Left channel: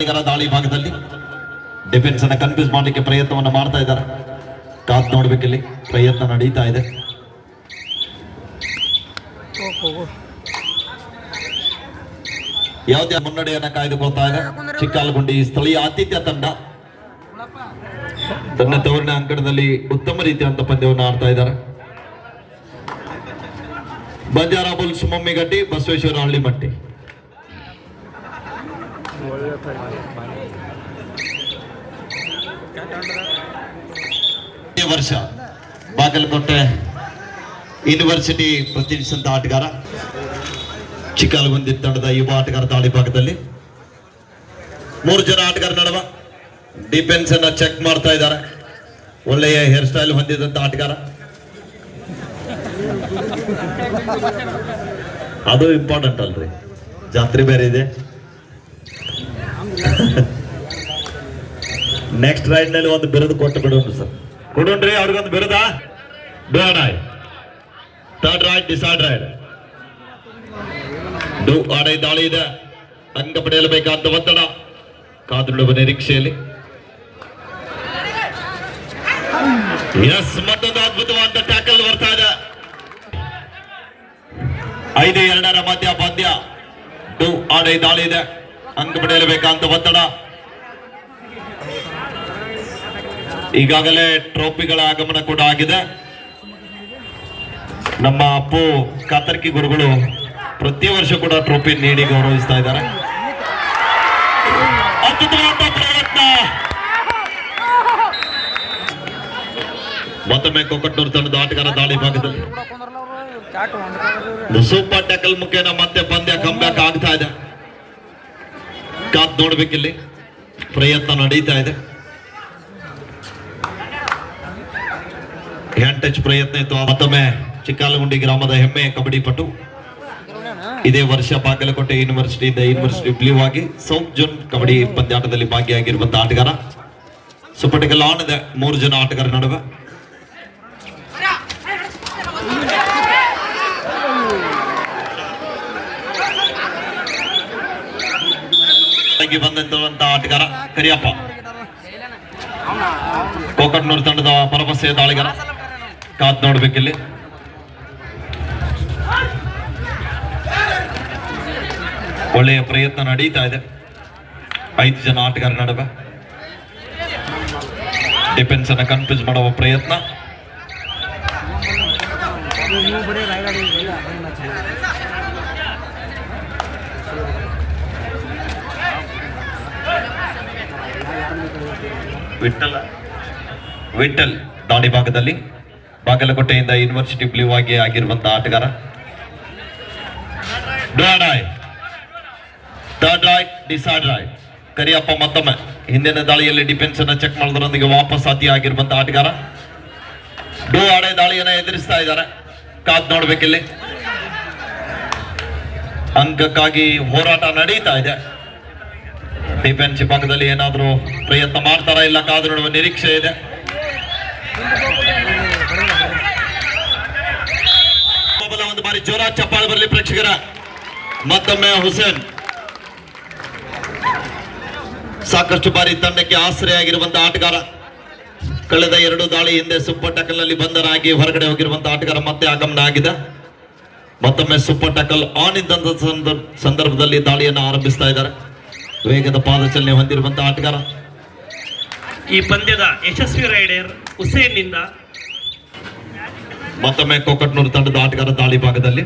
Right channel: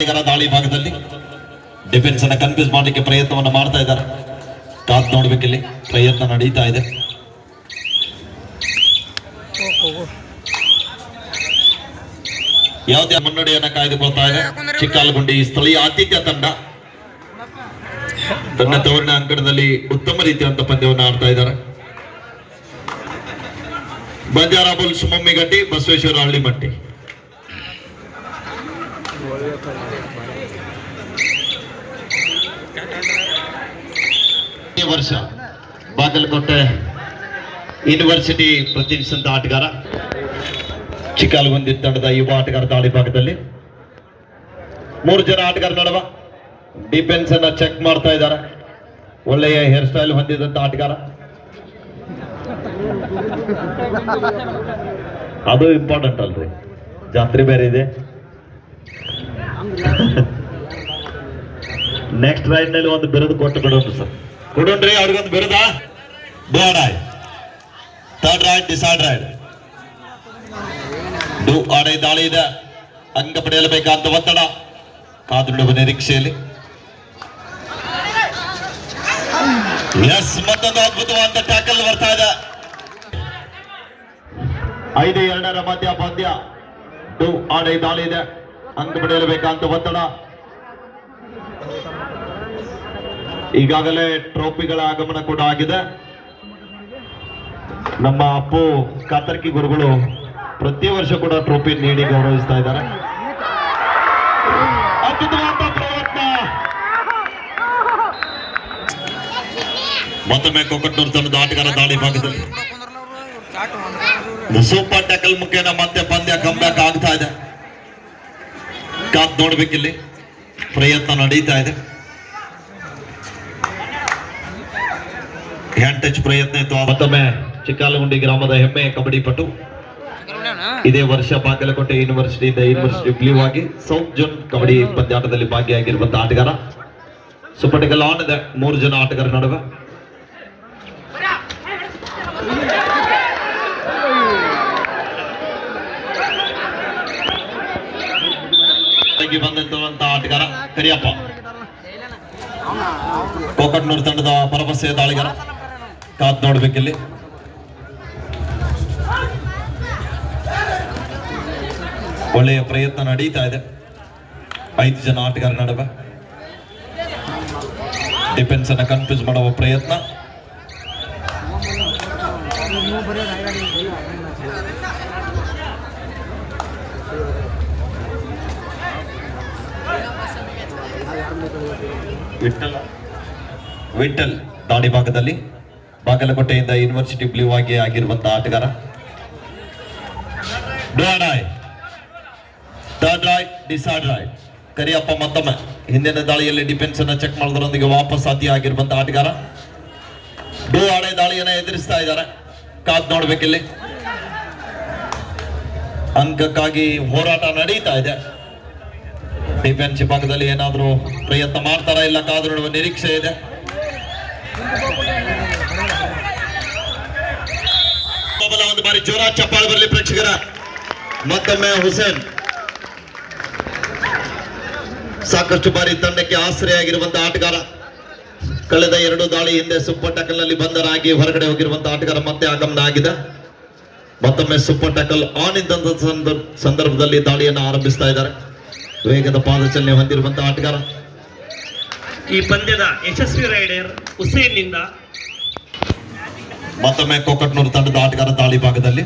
ದಾಳಿ ಭಾಗದಲ್ಲಿ ಡಿಫೆನ್ಸ್ ಅನ್ನ ಕನ್ಫ್ಯೂಸ್ ಮಾಡಲಿಕ್ಕೆ ಪ್ರಯತ್ನವನ್ನು ಮಾಡ್ತಾ ಇದ್ದಾರೆ. ಕಾದ್ ನೋಡ್ಬೇಕಿಲ್ಲಿ ಪ್ರಯತ್ನ ನಡೀತಾ ಇದೆ. ಯಾವುದೇ ಮುನ್ನಡೆಯನ್ನ ಕಾಯ್ದುಕೊಳ್ತಾ ಇದೆ ಚಿಕ್ಕಾಲಗುಂಡಿ ಸ್ಥಳೀಯ ಆತಿಥ್ಯ ತಂಡ. ತನ್ನ ತವರಿನ ಅಂಕಣದಲ್ಲಿ ಉತ್ತಮ ರೀತಿಯಂತ ಪಂದ್ಯವನ್ನು ಆಡ್ತಾ ಇದ್ದಾರೆ. ಬಂಜಾರ ಬುಲ್ಸ್ ಮೊಮ್ಮಿಗಟ್ಟಿ, ಬಸವೇಶ್ವರ ಹಳ್ಳಿಮಟ್ಟಿ. ವರ್ಷ ಬಾಗಲಕೋಟೆ ಯೂನಿವರ್ಸಿಟಿ ಪ್ರತಿನಿಧಿಸಿದಂತ ಆಟಗಾರ, ಚಿಕ್ಕಾಲಗುಂದಿ ತಂಡದ ಯುವ ಆಟಗಾರ ದಾಳಿ ಭಾಗದಲ್ಲಿ 3 ಜನ ಆಟಗಾರ ನಡುವ ಡಿಫೆನ್ಸ್ ಅನ್ನ ಚೆಕ್ ಮಾಡ್ತಾ ಇದ್ದಾರೆ. ಒಳ್ಳೆಯ ಹೇರ್ ಸ್ಟೈಲ್ ಹೊಂದಿದಂತ ಆಟಗಾರ, ಅದು ಇಂಪಾರ್ಟೆಂಟ್ ಅಲ್ರಿ, ಜಾತ್ರೆ ಬೇರೆ ಇದೆ. ನೆಕ್ಸ್ಟ್ ರೈಡ್ ನಲ್ಲಿ ಒಂದು ಬಿರುದು ಕೊಟ್ಟು ಬಿಡೋಣ ಸರ್, ಕೊಡೋಣ್ರಿ ಅವ್ರಿಗೊಂದು ಬಿರುದ. ಡಾಯ್ ಥರ್ಡ್ ರೈಡ್, ಡಿಸೈಡ್ ರೈಡ್. ಆಡೈ ದಾಳಿ ಇದೆ, ಅಂಕ ಪಡೆಯಲೇಬೇಕಾದ ಒತ್ತಡ ಕಾದು ನೋಡುವ ನಿರೀಕ್ಷೆಯಲ್ಲಿ. ಎಸ್, ಮತ್ತೊಂದು ಅದ್ಭುತವಾದ ಟ್ಯಾಕಲ್ ಬರ್ತಾ ಇದೆ. 5-2 ಮಧ್ಯ ಪಂದ್ಯ. ಆಡೈ ದಾಳಿ ಇದೆ, ಅಂಕ ಪಡೆಯಲೇಬೇಕಾದ ಒತ್ತಡ. ಈಗಾಗಲೇ ಟ್ರೋಫಿಗಳ ಆಗಮನ ಕೂಡ ಆಗಿದೆ. ನಮ್ಮ ಅಪ್ಪು ಕಾತರ್ಕಿ ಗುರುಗಳು ಪ್ರತಿ ವರ್ಷ ಕೂಡ ಟ್ರೋಫಿ ನೀಡಿ ಗೌರವಿಸ್ತಾ ಇದ್ದಾರೆ. ಅದ್ಭುತವಾದ ಪ್ರಯತ್ನ. ಮತ್ತೊಮ್ಮೆ ಕೊಕ್ಕಟ್ನೂರು ತಂಡದ ಆಟಗಾರ ದಾಳಿ ಭಾಗದಲ್ಲಿ ಸೂಪರ್ ಟ್ಯಾಕಲ್ ಮುಖೇನ ಮತ್ತೆ ಪಂದ್ಯ ಕಮ್ಬ್ಯಾಕ್ ಆಗ್ತಾ ಇದೆ. ಕಾತ್ ನೋಡ್ಬೇಕಿಲ್ಲಿ ಪ್ರಯತ್ನ ನಡೀತಾ ಇದೆ. ಹ್ಯಾಂಡ್ ಟಚ್ ಪ್ರಯತ್ನ ಇತ್ತು. ಮತ್ತೊಮ್ಮೆ ಚಿಕ್ಕಾಲಗುಂಡಿ ಗ್ರಾಮದ ಹೆಮ್ಮೆ ಕಬಡ್ಡಿ ಪಟು, ಇದೇ ವರ್ಷ ಬಾಗಲಕೋಟೆ ಯೂನಿವರ್ಸಿಟಿ ಬ್ಲೂ ಆಗಿ ಸೌತ್ ಜೋನ್ ಕಬಡ್ಡಿ ಪಂದ್ಯಾಟದಲ್ಲಿ ಭಾಗಿಯಾಗಿರುವಂತಹ ಆಟಗಾರ. ಸೂಪರ್ ಟ್ಯಾಕಲ್ ಆನ್ ಇದೆ 3 ಜನ ಆಟಗಾರ ನಡುವೆ. ಬಂದಂತಹ ಆಟಗಾರ ಕರಿಯಪ್ಪ, ಕೊಕ್ಕಟ್ನೂರು ತಂಡದ ಭರವಸೆಯ ದಾಳಿಗಾರ. ಕಾದ್ ನೋಡ್ಬೇಕಿಲ್ಲಿ. ಒಳ್ಳೆಯ ಪ್ರಯತ್ನ ನಡೀತಾ ಇದೆ 5 ಜನ ಆಟಗಾರ ನಡುವೆ. ಡಿಫೆನ್ಸ್ ಅನ್ನ ಕನ್ಫ್ಯೂಸ್ ಮಾಡುವ ಪ್ರಯತ್ನ. ವಿಠಲ್ ದಾಳಿ ಭಾಗದಲ್ಲಿ ಬಾಗಲಕೋಟೆಯಿಂದ ಯೂನಿವರ್ಸಿಟಿ ಬ್ಲೂ ಆಗಿ ಆಗಿರುವಂತಹ ಆಟಗಾರ. Third right, decide right. Kariyappa ಮತ್ತೊಮ್ಮೆ ಹಿಂದಿನ ದಾಳಿಯಲ್ಲಿ ಡಿಫೆನ್ಸ್ ಅನ್ನ ಚೆಕ್ ಮಾಡೋದ್ರೊಂದಿಗೆ ವಾಪಸ್ ಸಾಧ್ಯ ಆಗಿರುವಂತಹ ಆಟಗಾರ. ಆಡೈ ದಾಳಿಯನ್ನ ಎದುರಿಸ್ತಾ ಇದ್ದಾರೆ. ಕಾದ್ ನೋಡ್ಬೇಕಿಲ್ಲಿ. ಅಂಕಕ್ಕಾಗಿ ಹೋರಾಟ ನಡೀತಾ ಇದೆ. ಡಿಫೆನ್ಸ್ ಭಾಗದಲ್ಲಿ ಏನಾದರೂ ಪ್ರಯತ್ನ ಮಾಡ್ತಾರಾ ಇಲ್ಲ ಕಾದು ನೋಡುವ ನಿರೀಕ್ಷೆ ಇದೆ. ಒಂದು ಬಾರಿ ಜೋರ ಚಪ್ಪಾಳೆ ಬರಲಿ ಪ್ರೇಕ್ಷಕರ. ಮತ್ತೊಮ್ಮೆ ಹುಸೇನ್ ಸಾಕಷ್ಟು ಬಾರಿ ತಂಡಕ್ಕೆ ಆಶ್ರಯಾಗಿರುವಂತಹ ಆಟಗಾರ. ಕಳೆದ 2 ದಾಳಿ ಹಿಂದೆ ಸೂಪರ್ ಟ್ಯಾಕಲ್ ನಲ್ಲಿ ಬಂದರಾಗಿ ಹೊರಗಡೆ ಹೋಗಿರುವಂತಹ ಆಟಗಾರ ಮತ್ತೆ ಆಗಮನ ಆಗಿದೆ. ಮತ್ತೊಮ್ಮೆ ಸೂಪರ್ ಟ್ಯಾಕಲ್ ಆನ್ ಇದ್ದಂತ ಸಂದರ್ಭದಲ್ಲಿ ದಾಳಿಯನ್ನು ಆರಂಭಿಸ್ತಾ ಇದ್ದಾರೆ. ವೇಗದ ಪಾದಚಲನೆ ಹೊಂದಿರುವಂತಹ ಆಟಗಾರ. ಈ ಪಂದ್ಯದ ಯಶಸ್ವಿ ರೈಡರ್ ಹುಸೇನ್ ನಿಂದ ಮತ್ತೊಮ್ಮೆ ಕೊಕ್ಕಟ್ನೂರು ತಂಡದ ಆಟಗಾರ ದಾಳಿ ಭಾಗದಲ್ಲಿ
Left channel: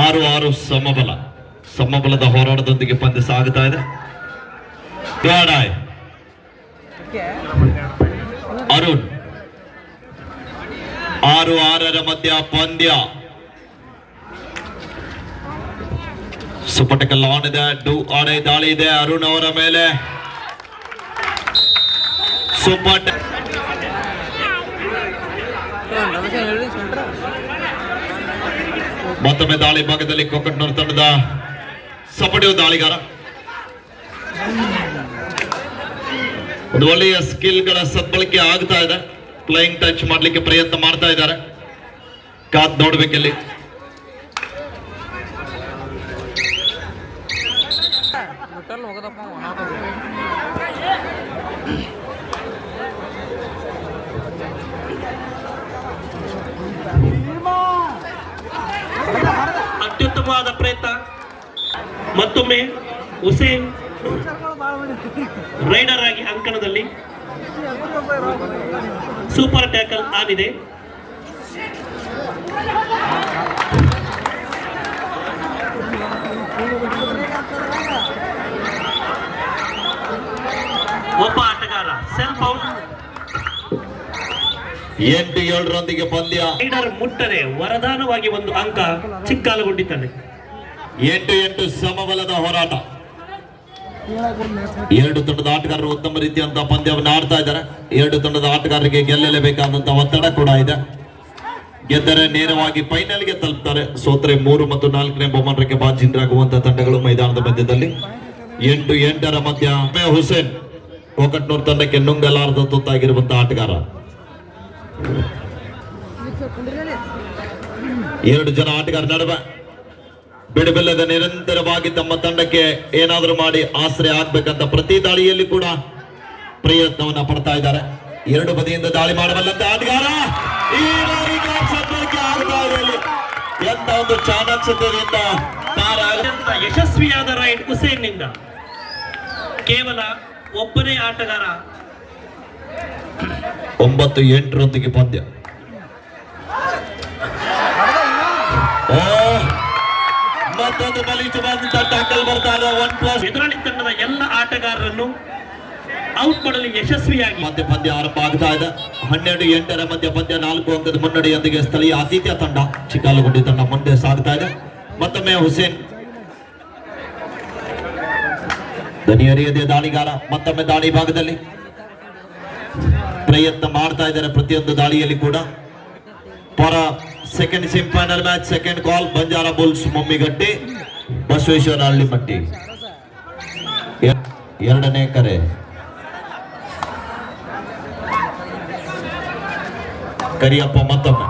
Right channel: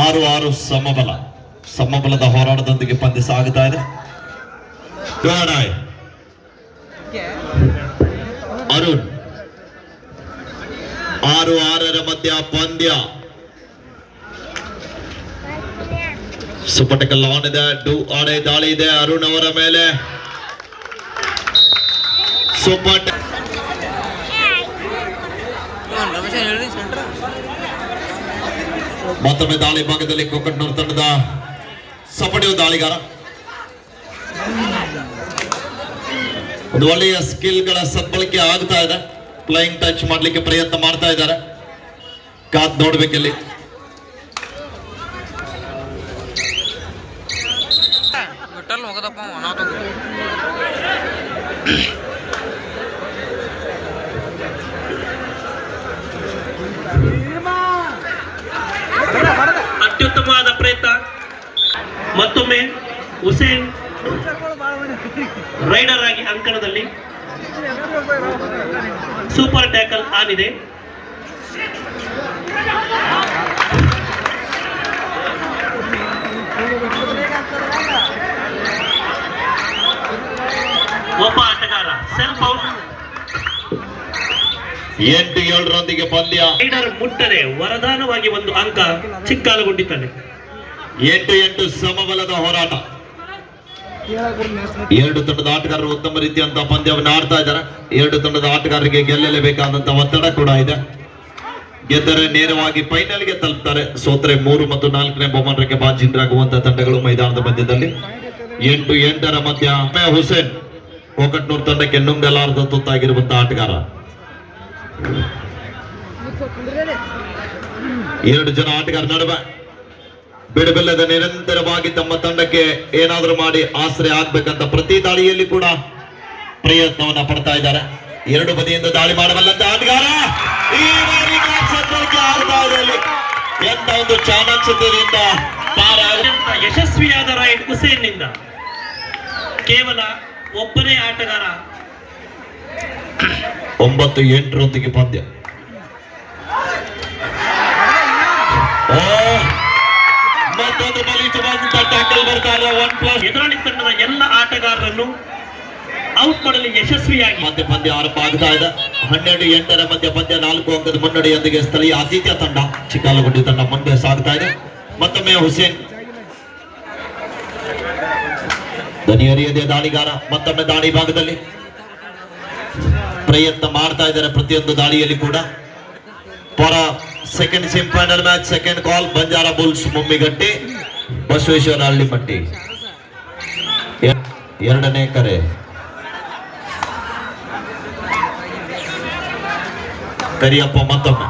6-6 ಸಮಬಲದ ಹೋರಾಟದೊಂದಿಗೆ ಪಂದ್ಯ ಸಾಗುತ್ತಾ ಇದೆ. ಅರುಣ್ 6-6 ಮಧ್ಯ ಪಂದ್ಯ. ಸೂಪರ್ ಟ್ಯಾಕಲ್ ಆನ್ ಇದೆ. ಆಡೈ ದಾಳಿ ಇದೆ ಅರುಣ್ ಅವರ ಮೇಲೆ. ಸೂಪರ್ ಮತ್ತೊಮ್ಮೆ ದಾಳಿ ಭಾಗದಲ್ಲಿ ಕೊಕ್ಕಟ್ನೂರು ತಂಡದ ಸಪಡಿಯೋ ದಾಳಿಗಾರ. ಒಂದು ಒಳ್ಳೆಯ ಸ್ಕಿಲ್ಗಳ ಸದ್ಬಳಕೆ ಆಗ್ತಾ ಇದೆ. ಫ್ಲೈಯಿಂಗ್ ಟಚ್ ಮಾಡ್ಲಿಕ್ಕೆ ಪ್ರಯತ್ನ ಮಾಡ್ತಾ ಇದ್ದಾರೆ. ಕಾದ್ ನೋಡ್ಬೇಕಿಲ್ಲಿ. ವಿಠಲ್ ಹೋಗದಪ್ಪ ಅನಾಥ ಅತ್ಯುತ್ತಮವಾದ ಪ್ರಯತ್ನ. ಮತ್ತೊಮ್ಮೆ ಹುಸೇನ್ ರೈಡರ್ ಆಗಿ ಅಂಕಣದಲ್ಲಿ ಸೂಪರ್ ಟ್ಯಾಕಲ್ ಆನಿದೆ. ಒಬ್ಬ ಆಟಗಾರ ಸೆಲ್ಫ್ ಔಟ್. 8-7 ಪಂದ್ಯ. ರೈಡರ್ ಮುಟ್ಟದೆ ವರದಾನವಾಗಿ ಒಂದು ಅಂಕ ಚಿಕ್ಕಾಲುಗೊಂಡಿದ್ದಾನೆ. 8-8 ಸಮಬಲದ ಹೋರಾಟ. ಎರಡು ತಂಡದ ಆಟಗಾರರು ಉತ್ತಮ ರೀತಿಯಂತ ಪಂದ್ಯವನ್ನು ಆಡ್ತಾ ಇದ್ದಾರೆ. ಎರಡು ತಂಡದ ಆಟಗಾರರಿಗೆ ಗೆಲ್ಲಲೇಬೇಕಾದಂತ ಒತ್ತಡ ಕೂಡ ಇದೆ. ಗೆದ್ದರೆ ನೇರವಾಗಿ ಫೈನಲ್ಗೆ ತಲುಪ್ತಾರೆ. ಸೋತ್ರೆ 3 ಮತ್ತು 4ನೇ ಬಹುಮಾನಕ್ಕೆ ಬಾಜಿಂದ್ರಾಗುವಂತಹ ತಂಡಗಳು ಮೈದಾನದ ಮಧ್ಯದಲ್ಲಿ. 8-8 ಮಧ್ಯ ಹುಸೇನ್ ಕೋಕಟ್ನೂರ್ ತಂಡಕ್ಕೆ ನುಂಗಲಾರದ ತುತ್ತಾಗಿರುವಂತಹ ಆಟಗಾರ. 2 ಜನ ಆಟಗಾರ ನಡುವೆ ಬಿಡುಬಿಲ್ಲದ ನಿರಂತರವಾಗಿ ತಮ್ಮ ತಂಡಕ್ಕೆ ಏನಾದರೂ ಮಾಡಿ ಆಶ್ರಯ ಆಗ್ಬೇಕಂತ ಪ್ರತಿ ದಾಳಿಯಲ್ಲಿ ಕೂಡ ಪ್ರಯತ್ನವನ್ನ ಪಡ್ತಾ ಇದ್ದಾರೆ. 2 ಬದಿಯಿಂದ ದಾಳಿ ಮಾಡಬಲ್ಲಂತ ಆಟಗಾರ ಈ ಬಾರಿ ಸದ್ಯಕ್ಕೆ ಆಡ್ತಾ ಇದೆ. ಎಂತ ಒಂದು ಚಾಣಾಕ್ಷತೆಯಿಂದ ಅತ್ಯಂತ ಯಶಸ್ವಿಯಾದ ರೈಡ್ ಹುಸೇನ್ ನಿಂದ. ಕೇವಲ ಒಬ್ಬನೇ ಆಟಗಾರ. 9-8 ಪಂದ್ಯ. ಮತ್ತೊಂದು ಬಲಿಷ್ಠವಾದಂತಹ ಟ್ಯಾಕಲ್ ಬರ್ತಾ ಇದೆ. 1+ ಎದುರಾಳಿ ತಂಡದ ಎಲ್ಲ ಆಟಗಾರರನ್ನು ಔಟ್ ಮಾಡಲು ಯಶಸ್ವಿಯಾಗಿ ಪಂದ್ಯ ಆರಂಭ ಆಗ್ತಾ ಇದೆ. 12-8 ಮಧ್ಯ ಪಂದ್ಯ. 4 ಅಂಕದ ಮುನ್ನಡೆಯೊಂದಿಗೆ ಸ್ಥಳೀಯ ಆತಿಥ್ಯ ತಂಡ ಚಿಕ್ಕಾಲಗುಂಡಿ ತಂಡ ಮುಂದೆ ಸಾಗ್ತಾ ಇದೆ. ಮತ್ತೊಮ್ಮೆ ಹುಸೇನ್ ದನಿಯರಿಯದೆ ದಾಳಿಗಾರ. ಮತ್ತೊಮ್ಮೆ ದಾಳಿ ಭಾಗದಲ್ಲಿ ಪ್ರಯತ್ನ ಮಾಡ್ತಾ ಇದ್ದಾರೆ. ಪ್ರತಿಯೊಂದು ದಾಳಿಯಲ್ಲಿ ಕೂಡ ಪರ second semifinal match second call ಬಂಜಾರ ಬುಲ್ಸ್ ಮುಮ್ಮಿಗಟ್ಟಿ ಬಸವೇಶ್ವರ ಹಳ್ಳಿಮಟ್ಟಿ. 2ನೇ ಕರೆ. ಕರಿಯಪ್ಪ ಮತ್ತೊಮ್ಮೆ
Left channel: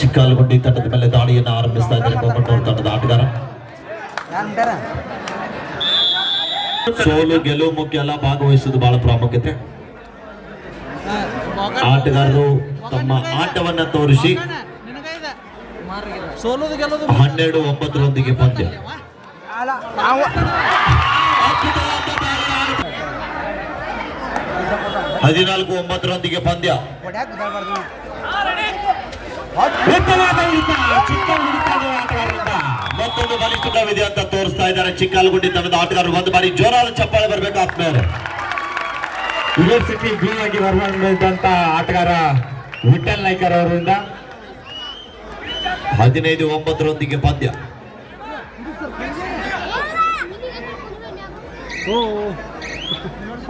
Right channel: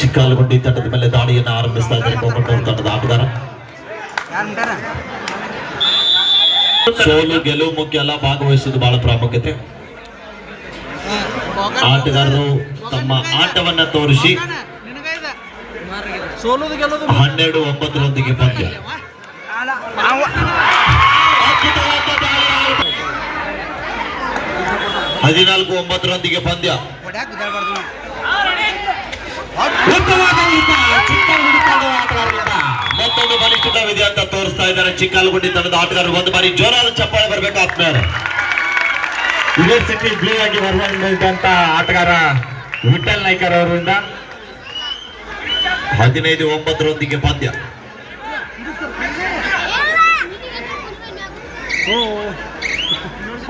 ಚಿಕ್ಕಾಲಗುಂಡಿ ತಂಡದ ಮೇಲೆ ದಾಳಿಯನ್ನು ಆರಂಭಿಸ್ತಾ ಇದ್ದಾರೆ ಕೋಕಟ್ನೂರು ತಂಡದ ಆಟಗಾರ. ಸೋಲು ಗೆಲುವು ಮುಖ್ಯ ಅಲ್ಲ, ಭಾಗವಹಿಸುವುದು ಬಹಳ ಪ್ರಾಮುಖ್ಯತೆ. ಆಟಗಾರರು ತಮ್ಮ ಆಟವನ್ನ ತೋರಿಸಿ 12-9 ಪಂದ್ಯ. 14-9 ಪಂದ್ಯ. ಮತ್ತೊಂದು ಬಲಿಷ್ಠವಿದೆ ಅಂತ ತೋರಿಸ್ತಾ ಇದ್ದಾರೆ ಚಿಕ್ಕಾಲಗುಂಡಿ ತಂಡದ ಆಟಗಾರರು. ಒಂದು ಬಾರಿ ಜೋರಾದ ಚಪ್ಪಾಳೆ ಬರಬೇಕು ಆತ್ಮೇಲೆ. ಯೂನಿವರ್ಸಿಟಿ ಬ್ಲೂ ಆಗಿ ಹೊರಬಂದಂತ ಆಟಗಾರ ವಿಠಲ್ ನಾಯ್ಕರ್ ಅವರಿಂದ. 15-9 ಪಂದ್ಯ.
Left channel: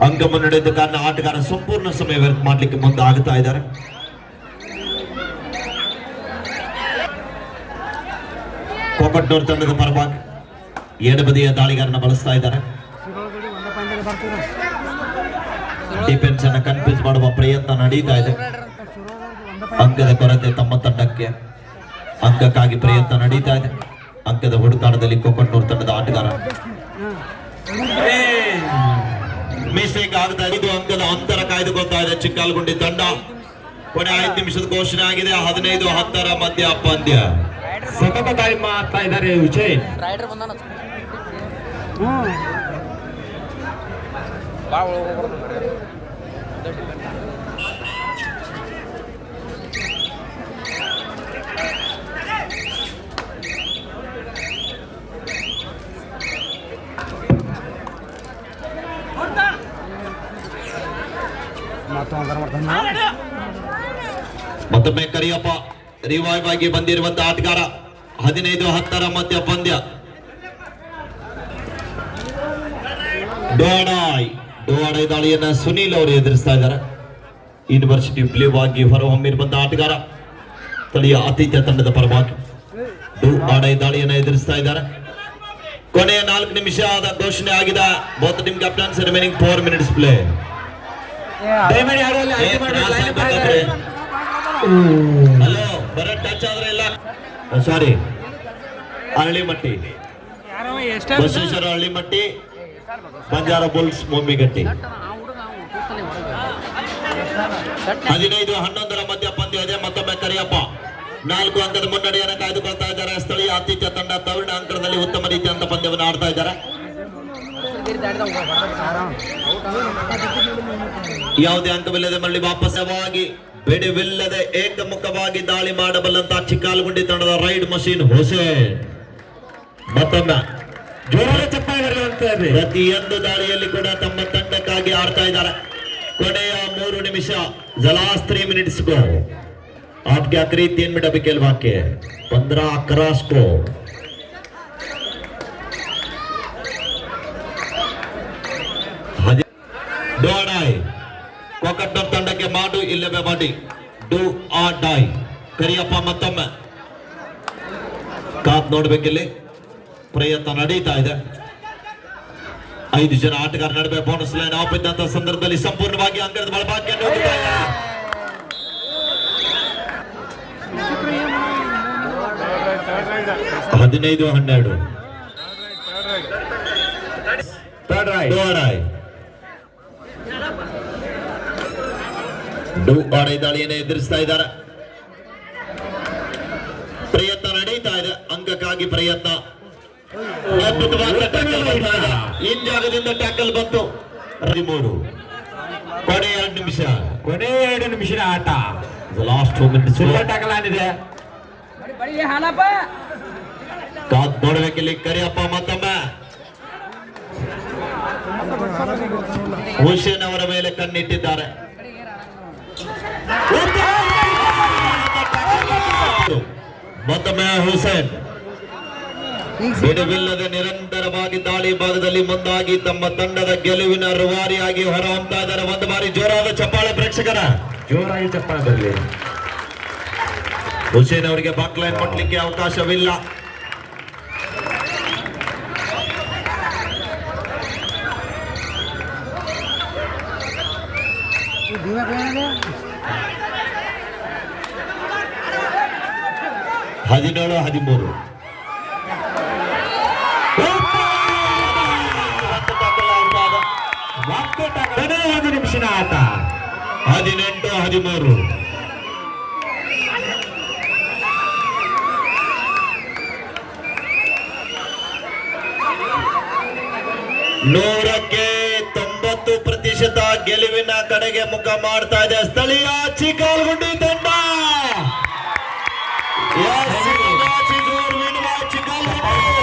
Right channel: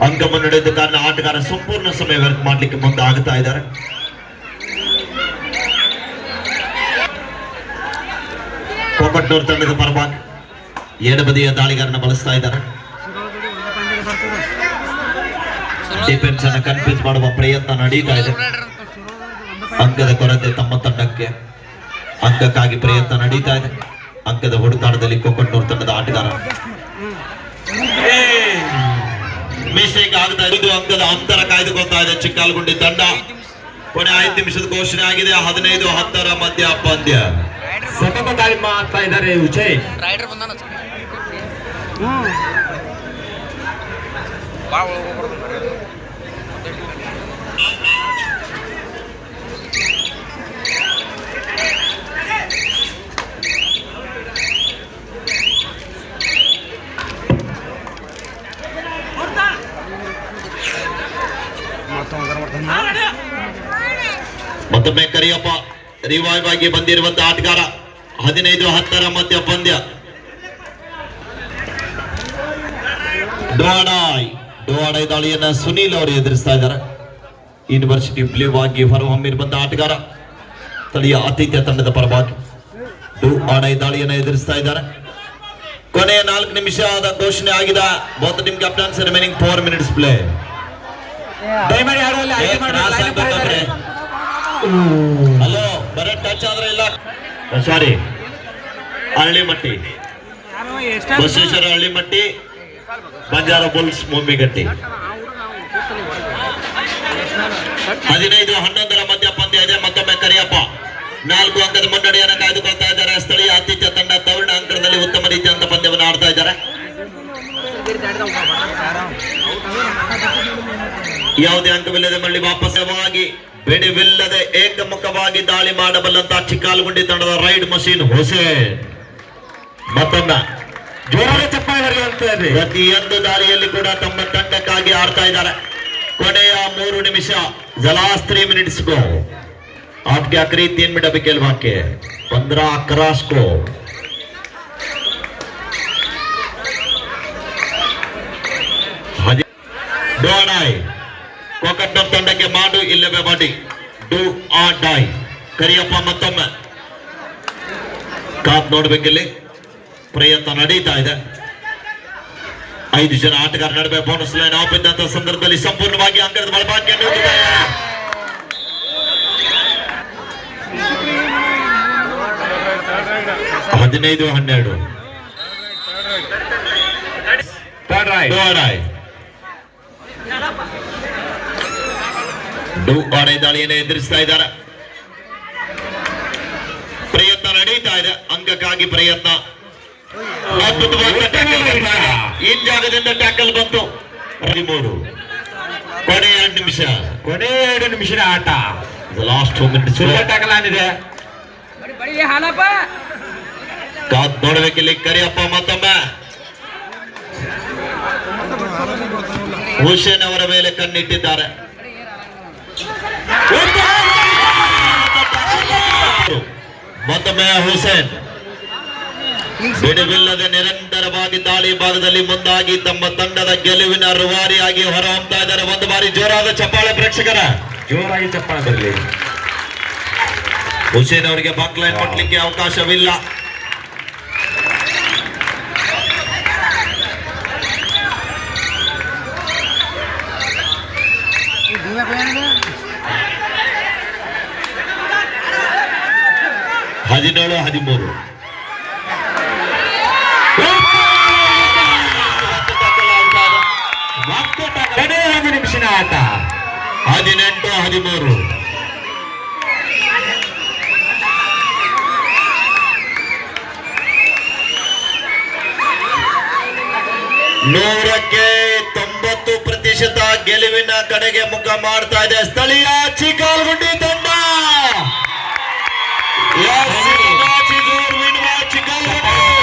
ಅಂಕ ಮುನ್ನಡೆದ ಕಾರಣ ಆಟಗಾರ ಸಂಪೂರ್ಣ ಸಮಯ ವ್ಯರ್ಥ ಮಾಡಲಿಕ್ಕೆ ಮುಂದೆ ಆಗ್ತಾ ಇದ್ದಾರೆ. ಕೋಕಟ್ನೂರು ತಂಡದ ಪರವಾಗಿ ಎಡಬದಿಯ ದಾಳಿಗಾರನ ಬಳಸ್ತಾ ಇದ್ದಾರೆ. ಡಿಫೆನ್ಸ್ ಅನ್ನ ಕನ್ಫ್ಯೂಸ್ ಮಾಡುವ ಪ್ರಯತ್ನ ನಡೀತಾ ಇದೆ. ಅಂಕದ ಕೊರತೆ ತಮ್ಮ ತಂಡಕ್ಕೆ. ಅಂಕಕ್ಕಾಗಿ ಪ್ರಯತ್ನ ನಡೀತಾ ಇದೆ. ಅಂಕದ ಹುಡುಕಾಟದಲ್ಲಿ ಕೋಕಟ್ನೂರು ತಂಡದ ಆಟಗಾರ ಮಿಸ್ಟೇಕ್ ಆಗ್ತಾ ಇದೆ. 5 ಅಂಕದ ಅಂತರ ಕಾಯ್ದುಕೊಳ್ತಾ ಇದೆ ಚಿಕ್ಕಾಲಗುಂಡಿ ತಂಡ. ಕೊನೆ 5 ನಿಮಿಷದ ಘೋಷಣೆ ಆಗಿದೆ. 15-10 ಮಧ್ಯ ಪಂದ್ಯ. ಸತತ ದಾಳಿ ಮಾಡ್ತಾ ಇದ್ದಾರೆ ಹುಸೇನ್. ರೈಡರ್ ಬಂದಾನ ಮತ್ತೊಮ್ಮೆ ಕರಿಯಪ್ಪ ರಿವೈವ್ ಆಗಿ ಬಂದಿರುವಂತಹ ಆಟಗಾರ. 15-10 ಮಧ್ಯ ಪಂದ್ಯ. ಡೋಡಾಯ್ ದಾಳಿಯನ್ನ ಸುನೀಲ್ ಅವರು ಎದುರಿಸ್ತಾ ಇದ್ದಾರೆ. ಯೂನಿವರ್ಸಿಟಿ ಬ್ಲೂ ಆಗಿ ಹೊರಹೊಮ್ಮಿರುವಂತಹ ಆಟಗಾರ ಸ್ಥಳೀಯ ಆತಿಥ್ಯ ತಂಡದ ಪರವಾಗಿ ಡೋಡಾಯ್ ದಾಳಿಯನ್ನ ಎದುರಿಸ್ತಾ ಇದ್ದಾರೆ. ಕೊನೆಯ 4 ನಿಮಿಷದ ಘೋಷಣೆ ಆಗಿದೆ. Both team captains remaining 4 minutes play. Hello ಬರೇ ಟಚ್ ಆದ್ರೆ ಇಲ್ಲ. ಸಾರಿ ಹಳ್ಳಿಮಟ್ಟಿ, ಬಸವೇಶ್ವರ ಹಳ್ಳಿಮಟ್ಟಿ, ಬಂಜಾರ ಬುಲ್ಸ್ ಮೊಮ್ಮಿಗಟ್ಟಿ. 15-11 ಮಧ್ಯ ಪಂದ್ಯ ಇದೆ. ಮತ್ತೊಮ್ಮೆ ಕರಿಯಪ್ಪ 4 ಅಂಕದ ಮುನ್ನಡೆಯನ್ನು ಕಾಯ್ದುಕೊಳ್ತಾ ಇದ್ದಾರೆ. ಸ್ಥಳೀಯ ಆತಿಥ್ಯ ತಂಡ ತವರಣ ಅಂಕಣದಲ್ಲಿ ಉತ್ತಮ ರೀತಿಯಂತ ಪಂದ್ಯವನ್ನು ಆಡ್ತಾ ಇದ್ದಾರೆ. ಯಾವುದೇ ಅಂಕವಿಲ್ಲದೆ ಮಳ್ಳಿ ವಾಪಸ್ಸವಾಗಿ ಬಿಡುವಿಲ್ಲದೆ ಏಕಮುಖವಾಗಿ ದಾಳಿ ಮಾಡಬಲ್ಲಂತಹ ಚಿಕ್ಕಾಲಗುಂಡಿ ತಂಡದ ರೈಡ್ ಮಷೀನ್ ಹುಸೇನ್ ಮತ್ತೊಮ್ಮೆ ಜೋರಾದ ಚಪ್ಪಾಳೆ ಬರೆಯುವಂತದ್ದು. ಪ್ರತಿಯೊಂದು ದಾಳಿಯಲ್ಲಿ ಕೂಡ ತಮ್ಮ ತಂಡಕ್ಕಾಗಿ ಆಡ್ತಾ ಇದ್ದಾರೆ. ಕೊನೆಯ 3 ನಿಮಿಷ, लास्ट 3 मिनट्स को आपके आखिरी 3 मिनट अभी खेल बाकी है. 15 क्रॉस को ಡೋಡಾಯ್ ಕೋಕಟ್ನ ತಂಡಕ್ಕೆ ಮಾಡು ಇಲ್ಲವೇ ಮಾಡಿ ಡೂ ಆ ಡಾಯ್. ಕರಿಯಪ್ಪ ಮತ್ತೊಮ್ಮೆ ಕಾಪ್ ನೋಡ್ಬೇಕಿಲ್ಲಿ. ಪ್ರಯತ್ನ ನಡೀತಾ ಇದೆ. 5 ಜನ ಆಟಗಾರ ನಡುವೆ ಬೋನಸ್ ಲೈನ್ ಆಫ್ ಇದ್ದಂತ ಸಂದರ್ಭದಲ್ಲಿ ಸಂಪೂರ್ಣವಾಗಿ ಅಂಕದ ಬಳಪಾಕಿಯನ್ನು ಹೊಂದಿದ್ದಾರೆ. 15-12 ಡೂ ಆಡೈ ದಾಳಿಯನ್ನು ಎದುರಿಸ್ತಾ ಇದ್ದಾರೆ. ಪ್ರಯತ್ನ ನಡೀತಾ ಇದೆ. ಅಂಕಕ್ಕಾಗಿ ಪ್ರಯತ್ನ. ಈ ಜಾಗದಿಂದ ಟ್ಯಾಕಲ್ ಬಂತು. 13 ಕೊನೆಯ 2 ನಿಮಿಷ. ಕೊನೆಯ 2 ನಿಮಿಷದ ಆಟ. Last 2 minutes. ಸೂಪರ್ ಟ್ಯಾಕಲ್ ಆಗಿದೆ. ಕಾದ್ ನೋಡಬೇಕಿಲ್ಲಿ. ಕರಿಯಪ್ಪ ಮತ್ತೊಮ್ಮೆ ಹುಸೇನ್ ಅವರ ಮೇಲೆ ಕಣ್ಣಿಟ್ಟಿದ್ದಾರೆ. ಮತ್ತೊಮ್ಮೆ ಹುಸೇನ್ ಬಿಡುವಿಲ್ಲದೆ ನಿರಂತರವಾಗಿ ದಾಳಿ ಭಾಗದಲ್ಲಿ ಮುಂದಾಗಿ ತಮ್ಮ ತಂಡದ ಗೆಲುವಿನ ರೂವಾರಿಯಾಗಿ ಹೊರಹೊಮ್ತಾ ಇದ್ದಾರೆ. ಒಂದು ಬಾರಿ ಜೋರಾದ ಚಪ್ಪಾಳೆ ಪ್ರೇಕ್ಷಕರ. ಜೋರಾಗಿ ಚಪ್ಪಾಳೆ ಬರಲಿ. ಹುಸೇನ್ ಅವರಿಗೆ ಬಾಕ್ಲೈನ್ ಕೊಡ್ಲಿಕ್ಕೆ ಅವಕಾಶವಿಲ್ಲ. ಹದಿನೇಳು 13 ಕೊನೆಯ 1 ನಿಮಿಷದ ಆಟ. 18-13 100ಕ್ಕೆ 90% ಗೆಲುವಿನ ಕಡೆಗೆ ಮುಖ ಮಾಡ್ತಾ ಇದೆ ಸ್ಥಳೀಯ ಚಿಕ್ಕಾಲಗುಂಡಿ.